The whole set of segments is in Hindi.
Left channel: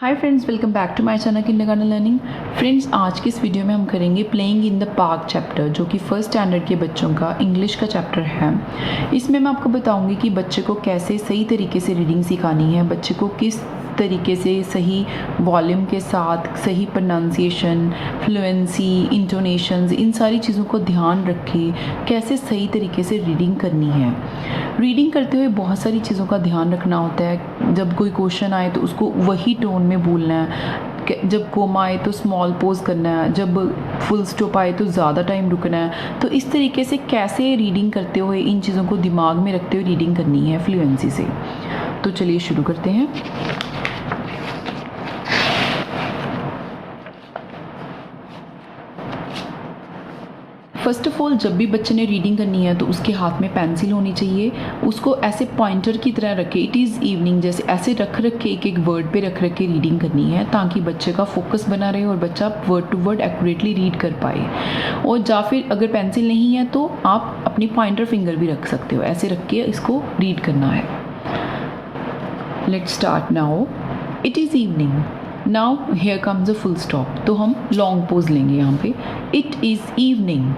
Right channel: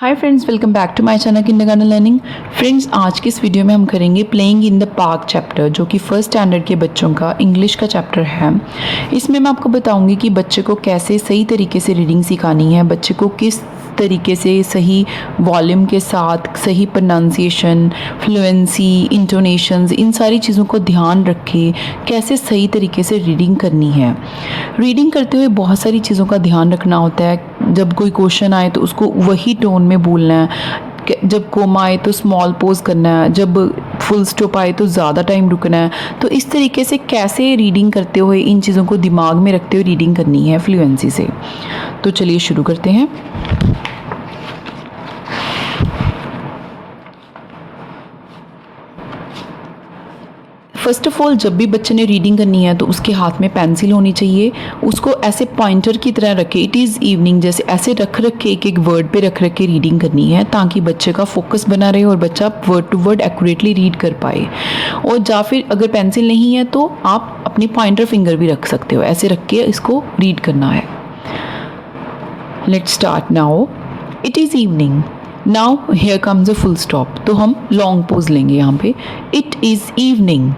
Hi friends, welcome back to my channel kindergarten learning. Friends, आज की इस वीडियो में हम करेंगे playing in the park chapter, जो कि फर्स्ट स्टैंडर्ड के बच्चों का इंग्लिश का चैप्टर है। इसमें मैं आपको बताऊंगी कि बच्चे को कैसे सही तरीके से रीडिंग सिखानी है, बच्चे को किस तरीके से सही वॉल्यूम के साथ सही प्रोनाउंसिएशन, फ्लुएंसी, इंटोनेशंस, इन सारी चीज़ों को ध्यान रखे कैसे सही तरीके से रीडिंग करनी है। रीडिंग करते हुए बहुत सारी चीज़ों का ध्यान रखना होता है। जब कोई क्वेश्चन आए तो उसको वही टोन में बोलना है, जब कोमा आए तो स्मॉल पोज करना है, जब फुल स्टॉप आए तो ज़्यादा टाइम रुकना है। तो इस तरीके से कैसे रीडिंग करते हुए इन चीज़ों को दिमाग में रखते हुए रीडिंग करनी है फ्लुएंसी से। तो चलिए शुरू करते हैं। फर्स्ट ऑफ ऑल, जब भी बच्चे ने रीडिंग करनी है तो उसके हाथ में पेंसिल होनी चाहिए। उसको ऐसे पॉइंटर की तरह रखे, इट इज़ इवनिंग जैसे ऐसे रख रख के एक वर्ड पे रख रख के रीडिंग करनी है, ताकि बच्चे का फोकस बना रहे और बच्चा word to word accurately read कर पाए। और या फिर अगर पेंसिल नहीं है तो आप अपनी पॉइंटर फिंगर भी रख सकते हो, ऐसे रख के इसको रीड करना है। Let's start now. It is evening. Now here comes a full stop, तो हम लॉन्ग पोज लेंगे यहाँ पे। It is evening.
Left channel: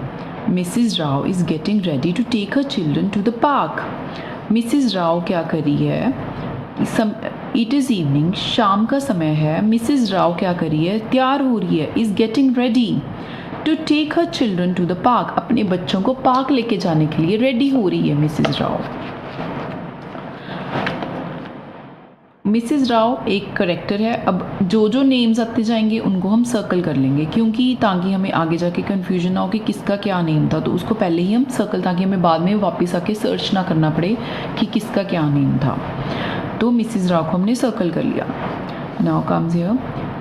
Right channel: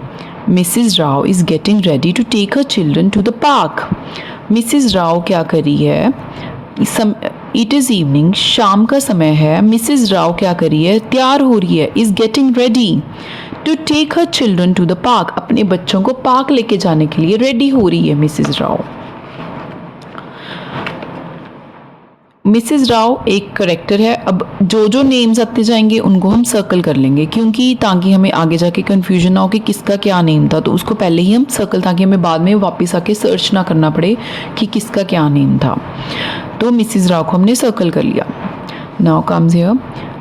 Mrs Rao is getting ready to take her children to the park. Mrs Rao क्या कर रही है? इट इज़ इवनिंग, शाम का समय है। मिसिज राव क्या कर रही है? तैयार हो रही है। Is getting ready to take her children to the park, अपने बच्चों को पार्क लेके जाने के लिए रेडी हो रही है मिसिज राव। मिसिज राव एक करेक्टर है। अब जो जो नेम्स आते जाएंगे उनको हम सर्कल कर लेंगे, क्योंकि ताकि हमें आगे जाके कन्फ्यूजन ना हो कि किसका क्या नेम था, तो उसको पहले ही हम सर्कल, ताकि हमें बाद में वापस आके सर्च ना करना पड़े कि किसका क्या नेम था। तो मिसिज राव को हमने सर्कल कर लिया। Now comes here,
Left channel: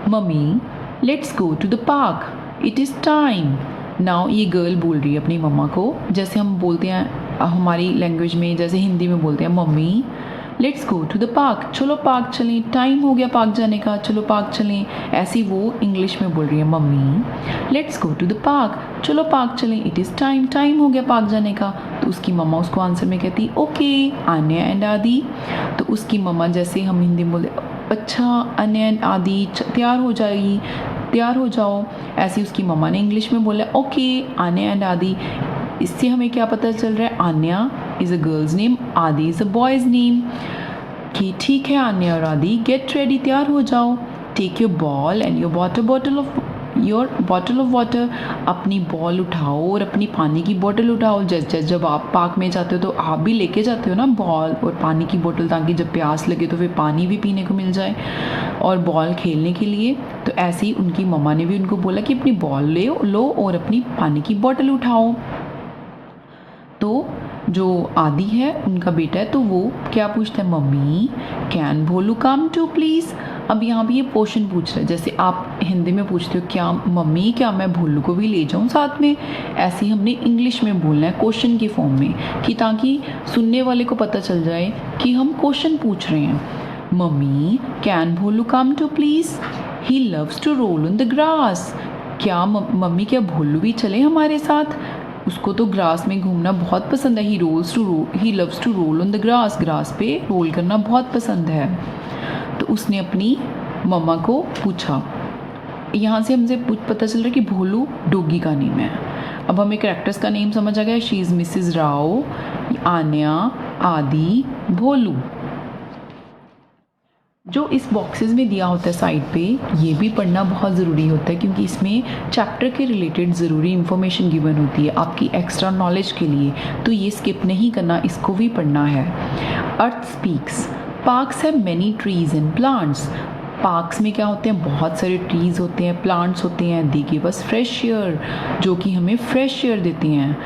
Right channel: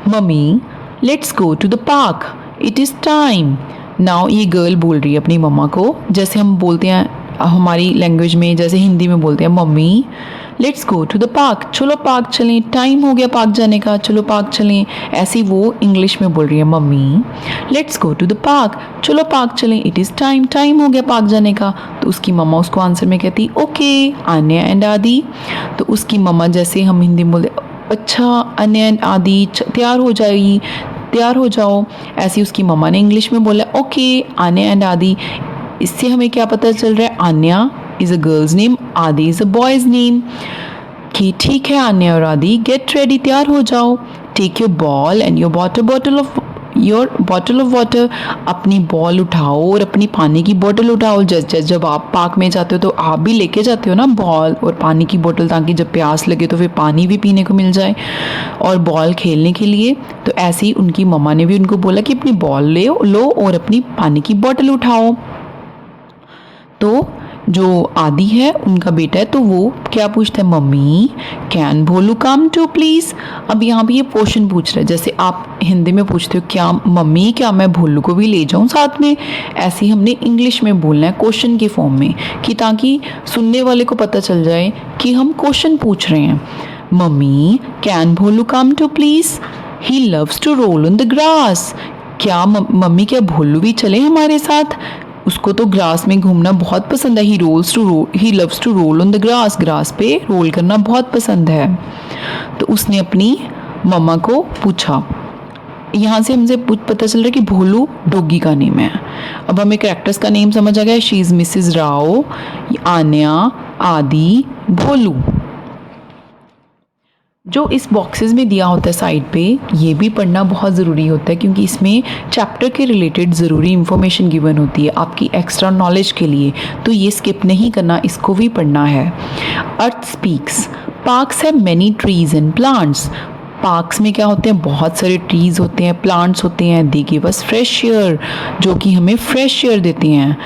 mummy let's go to the park, it is time. Now ये गर्ल बोल रही है अपनी मम्मा को, जैसे हम बोलते हैं हमारी लैंग्वेज में, जैसे हिंदी में बोलते हैं mummy let's go to the park, चलो पार्क चलें, टाइम हो गया पार्क जाने का, चलो पार्क चलें। ऐसी वो इंग्लिश में बोल रही है, mummy let's go to the park, चलो पार्क चलें, इट इज़ टाइम, टाइम हो गया पार्क जाने का। तो उसकी मम्मा उसको आंसर में कहती ओके आन्या एंड आदि। तो उसकी मम्मा, जैसे हम हिंदी में बोलते अच्छा अन्या एंड आदि तैयार हो जाएगी, तैयार हो जाओ, ऐसी उसकी मम्मा ने इंग्लिश में बोला ओके आन्या एंड आदि। इससे हमें क्या पता चल रहा है? Aanya is a girl's name, Adi is a boy's name. कि ठीक है आन्या और आदि, गेट रेडी, तैयार हो जाओ। Take your ball and your bottle of water, अपनी बॉल उठाओ और अपनी पानी की बोतल उठाओ। जब आप पार्क में जाते हो तो आप भी लेके जाते हो ना बॉल और पानी की बोतल, ताकि जब प्यास लगे तो फिर पानी भी पीने को मिल जाए और बॉल खेलने के लिए। तो ऐसे ही उनकी मम्मा ने भी उनको बोला कि अपनी बॉल लो और अपनी पानी की बोतल उठाओ। तो जो आदि है उनका बेटा है, तो वो क्या पूछता है? Mummy can Bholu come too please. अब यहाँ पे ये क्वेश्चन पूछ रहा है, जैसे आप हिंदी में पूछते हो क्या मम्मी, क्या मैं भोलू को भी ले जाऊँ साथ में, ऐसे ही हमने इंग्लिश में बोलना है क्वेश्चन के फॉर्म में, कि ताकि सुनने वाले को पता चल जाए कि हम क्वेश्चन पूछ रहे हैं। Mummy can Bholu come too please, he loves to roll on the grass. क्या मम्मी, क्या भोलू भी चले हमारे साथ? उसको तो ग्रास में घूमना बहुत पसंद है। He loves to roll on the grass, grass पे रोल करना बहुत पसंद है। तो उसने अपनी मम्मा को पूछा। यहाँ से हमसे पता चल रहा है कि भोलू डॉगी का नेम है। अब हमें कैरेक्टर्स का नेम समझ आ गया। She is Mrs Rao, Aanya, Adi, Bholu. जो इस बॉक्सेस में दिया होता है साइड पे, ये भी पढ़ना बहुत ज़रूरी होता है, क्योंकि इसमें चैप्टर के रिलेटेड ज़रूरी इन्फॉर्मेशन गिवन होती है आपकी एक्स्ट्रा नॉलेज के लिए। तो ये स्किप नहीं करना, इसको भी पढ़ना है। Earth speaks, parks have many trees and plants. Parks में क्या होते हैं? बहुत सारे ट्रीज होते हैं, प्लांट्स होते हैं। They give us fresh air, जो कि हमें फ्रेश एयर देते हैं।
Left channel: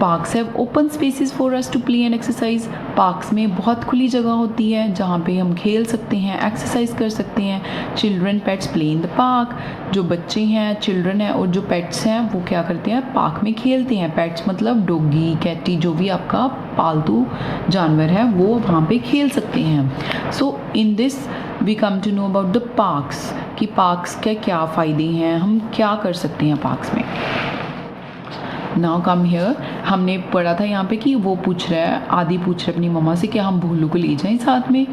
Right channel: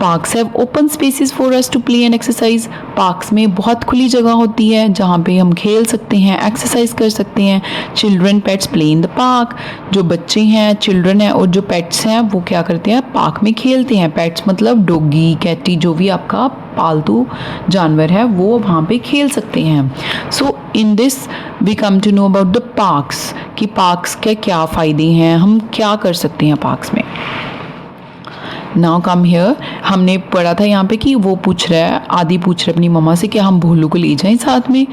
Parks have open spaces for us to play and exercise. Parks में बहुत खुली जगह होती है जहाँ पे हम खेल सकते हैं, एक्सरसाइज कर सकते हैं। Children pets play in the park, जो बच्चे हैं, चिल्ड्रन हैं और जो पेट्स हैं वो क्या करते हैं? पार्क में खेलते हैं। पेट्स मतलब डॉगी, कैटी, जो भी आपका पालतू जानवर है वो वहाँ पे खेल सकते हैं। So in this we come to know about the parks, कि पार्क्स के क्या फ़ायदे हैं, हम क्या कर सकते हैं पार्क्स में। Now come here. हमने पढ़ा था यहाँ पे कि वो पूछ रहा है, आदि पूछ रहा है अपनी मम्मा से कि हम भोलू को ले जाएं साथ में,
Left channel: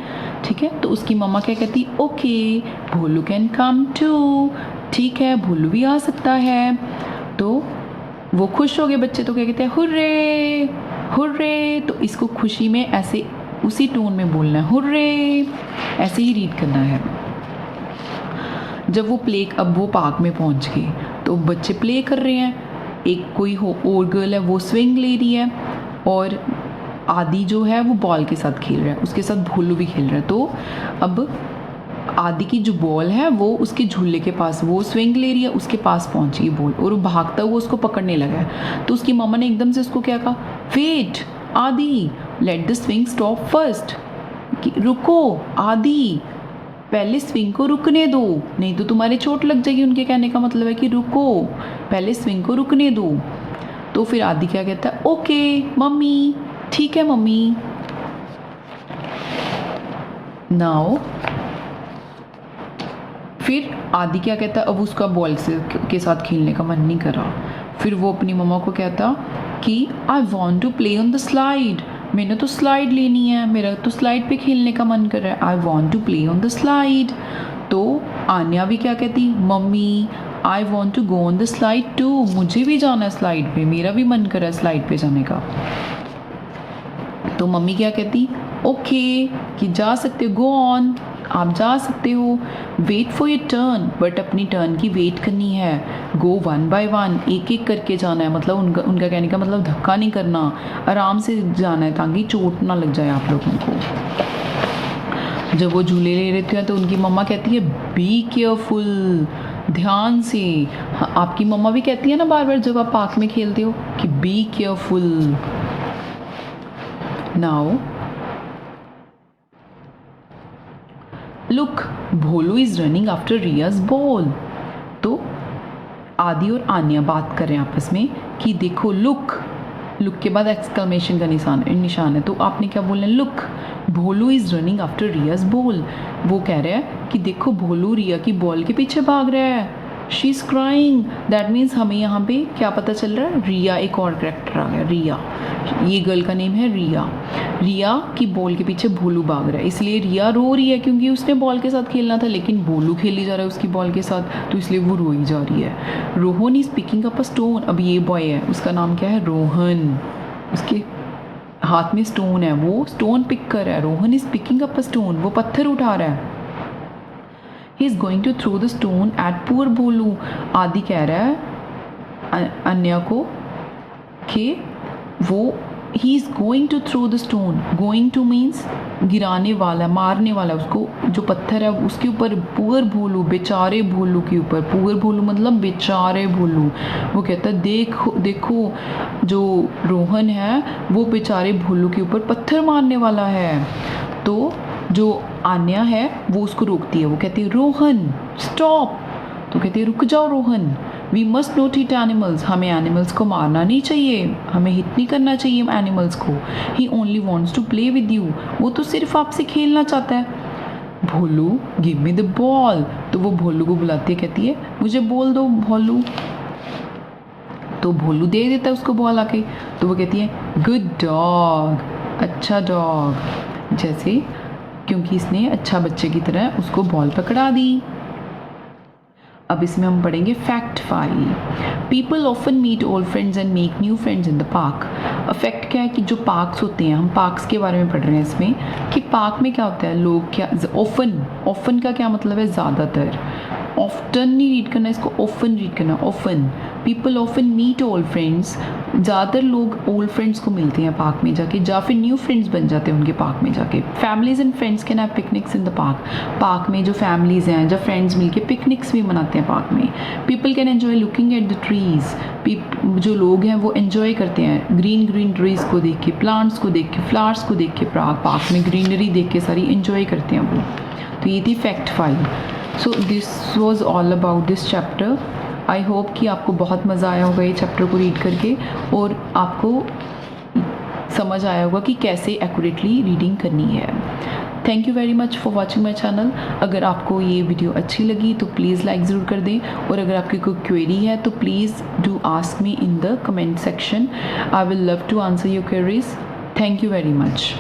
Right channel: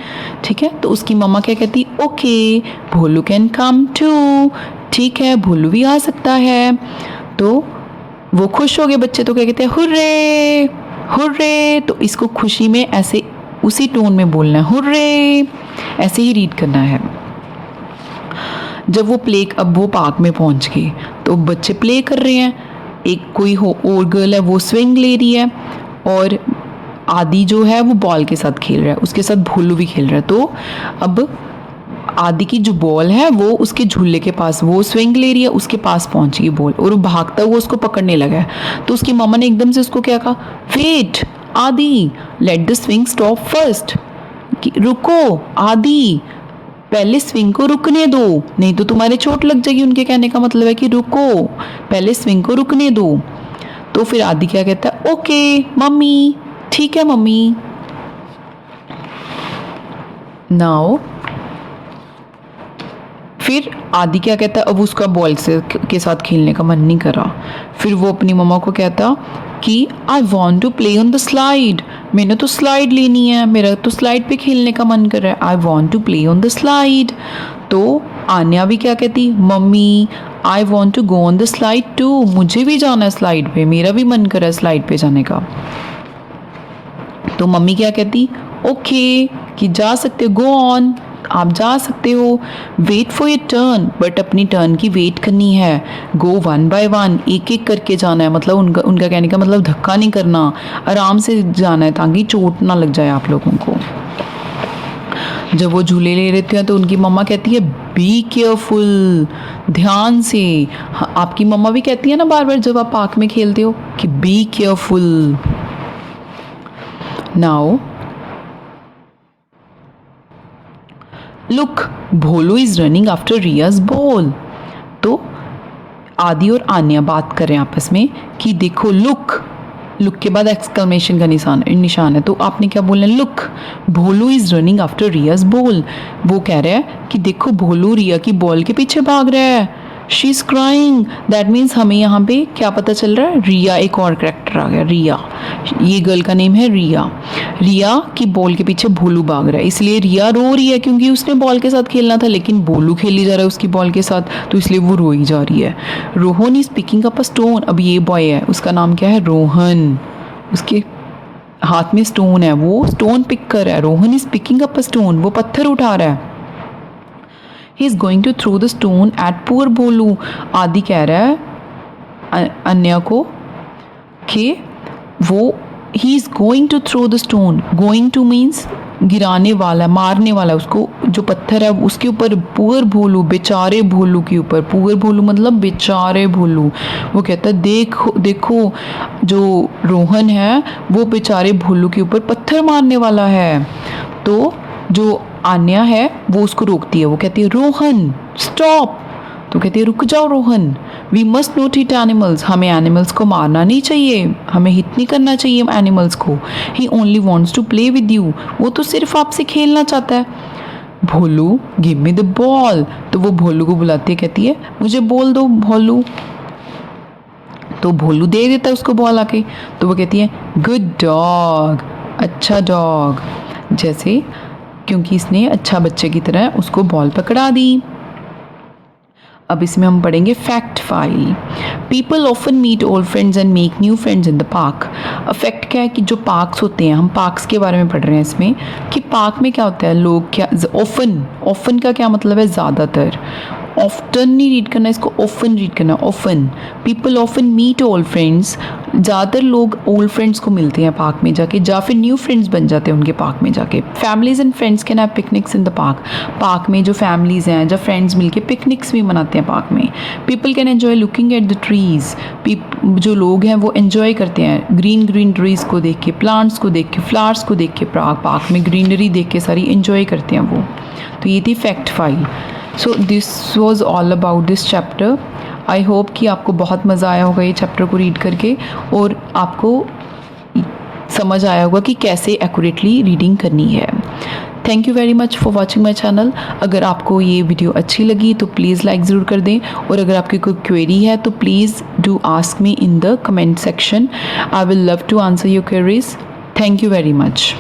ठीक है। तो उसकी मम्मा क्या कहती, okay Bholu can come too, ठीक है भोलू भी आ सकता है। तो वो खुश हो गए बच्चे, तो क्या कहते हैं, हुर्रे हुर्रे। तो इसको खुशी में ऐसे उसी टोन में बोलना है, हुर्रे, ऐसे ही रीड करना है। जब वो अब वो पार्क में पहुंच गए तो बच्चे प्ले कर रहे हैं, एक कोई हो और गर्ल है वो स्विंग ले रही है, और आदि जो है वो बॉल के साथ खेल रहा है, उसके साथ भोलू भी खेल रहा है। तो अब आदि की जो बॉल है वो उसके झूले के पास, वो स्विंग ले रही है, उसके पास पहुंच गई बॉल और वो भागता हुआ उसको पकड़ने लगा है। तो उसकी मम्मा ने एकदम से उसको क्या कहा, वेट आदि, let the swing stop first, रुको आदि, पहले स्विंग को रुकने दो, नहीं तो तुम्हारे चोट लग जाएगी। उनके कहने का मतलब है कि रुको, पहले स्विंग को रुकने दो। तो फिर आदि क्या कहता है, ओके मम्मी, ठीक है मम्मी। नाउ फिर आदि क्या कहता है, अब उसका बॉल से के साथ खेलने का मन नहीं करा। फिर वो अपनी मम्मा को कहता कि I want to play on the slide, मैंने तो स्लाइड लेनी है, मेरा तो स्लाइड पे खेलने का मन कर रहा है, I want to play on the slide. तो आन्या भी क्या कहती, mummy I want to go on the slide too, मुझे भी जाना है स्लाइड पे, मेरा भी मन कर रहा है स्लाइड पे जाने का। तो मम्मी क्या कहती, ओके कि जा सकते हो, गो ऑन, आप जा सकते हो, wait for your turn, but अपनी टर्न की वेट करनी है, गो वन बाय वन, एक एक करके जाना है, मतलब उनका कहने का मतलब धक्का नहीं करना, आराम से जाना है ताकि चोट ना लग जाए आप लोगों को। जब वो झूले ले लेते हैं तो उनकी मम्मा कहती है बी केयरफुल, ध्यान से। आपकी मम्मा भी कहती है ना बार बार जब आप पार्क में खेलते हो कि be careful. Now look Bholu is running after Riya's ball. तो आदि और आन्या बात कर रहे हैं आपस में कि देखो, लुक, लुक के बाद एक्सक्लेमेशन का निशान है, तो आपने क्या बोलना है, look Bholu is running after Riya's ball. वो कह रहा है कि देखो भोलू रिया की बॉल के पीछे भाग रहा है, she is crying, that means हमें यहाँ पे क्या पता चल रहा है, रिया, एक और कैरेक्टर आ गया, रिया, ये गर्ल का नेम है रिया। रिया की बॉल के पीछे भोलू भाग रहा है, इसलिए रिया रो रही है क्योंकि उसने बॉल के साथ खेलना था, लेकिन भोलू खेली जा रहा है उसकी बॉल के साथ, तो इसलिए वो रोई जा रही है। Rohan is picking up a stone, अब ये बॉय है, उसका नाम क्या है, रोहन, उसके हाथ में स्टोन है, वो स्टोन पिक कर रहा है। Rohan is picking up a stone, वो पत्थर उठा रहा है। He is going to throw the stone at poor Bholu. Aadi कह रहा है अन्य को कि वो he is going to throw the stone, going to means गिराने वाला, मारने वाला, उसको जो पत्थर है उसके ऊपर, पुअर भोलू, बेचारे भोलू के ऊपर, पुअर भोलू मतलब बेचारे भोलू। वो कहता है देखो देखो, जो रोहन है वो बेचारे भोलू के ऊपर पत्थर मारने वाला है। तो जो आन्या है वो उसको रोकती है, वो कहती है रोहन स्टॉप, तो कहती है रुक जाओ Rohan, we must not hit animals, हमें एनिमल्स को मारना नहीं चाहिए, हमें हिट नहीं करना चाहिए एनिमल्स को, he only wants to play with you, वो तो सिर्फ आपसे खेलना चाहता है। Bholu give me the ball, तो वो भोलू को बुलाती है, कहती है मुझे बॉल दो भोलू, तो भोलू दे देता है उसको बॉल आके। तो वो कहती है गुड डॉग, अच्छा डॉग, जैसे क्योंकि इसने अच्छा बच्चे की तरह उसको बॉल पकड़ा दी। अब इसमें हम पढ़ेंगे fact 5। People often meet old friends and make new friends in the park. Fact क्या है कि जो पार्क्स होते हैं, हम पार्क्स के बारे में पढ़ रहे हैं इसमें, कि पार्क में क्या होता है, लोग क्या, ऑफन का क्या मतलब है, ज़्यादातर, ऑफ्टन नहीं रीड करना, इसको ऑफन रीड करना, often. People often meet old friends, ज़्यादातर लोग ओल्ड फ्रेंड्स को मिलते हैं पार्क में जाके, या फिर न्यू फ्रेंड्स बन जाते हैं उनके पार्क में जाके। Families and friends can have picnics in the park. Park में जो फैमिलीज हैं, जब फ्रेंड्स मिलके पिकनिक्स भी मनाते हैं पार्क में। People can enjoy looking at the trees, जो लोग हैं वो एन्जॉय करते हैं ग्रीन ग्रीन ट्रीज को देख के, प्लांट्स को देख के, फ्लावर्स को देख के, पार्क में ग्रीनरी देख के सारी एन्जॉय करते हैं वो। तो ये थी fact 5। So this was all about this chapter. I hope कि आपको बहुत मज़ा आया होगा ये चैप्टर को रीड करके, और आपको समझ आया होगा कि कैसे एक्यूरेटली रीडिंग करनी है। Thank you very much for watching my channel. अगर आपको ये वीडियो अच्छी लगी तो प्लीज़ लाइक ज़रूर कर दें, और अगर आपकी कोई क्वेरी है तो please do ask me in the comment section. I will love to answer your queries. Thank you very much.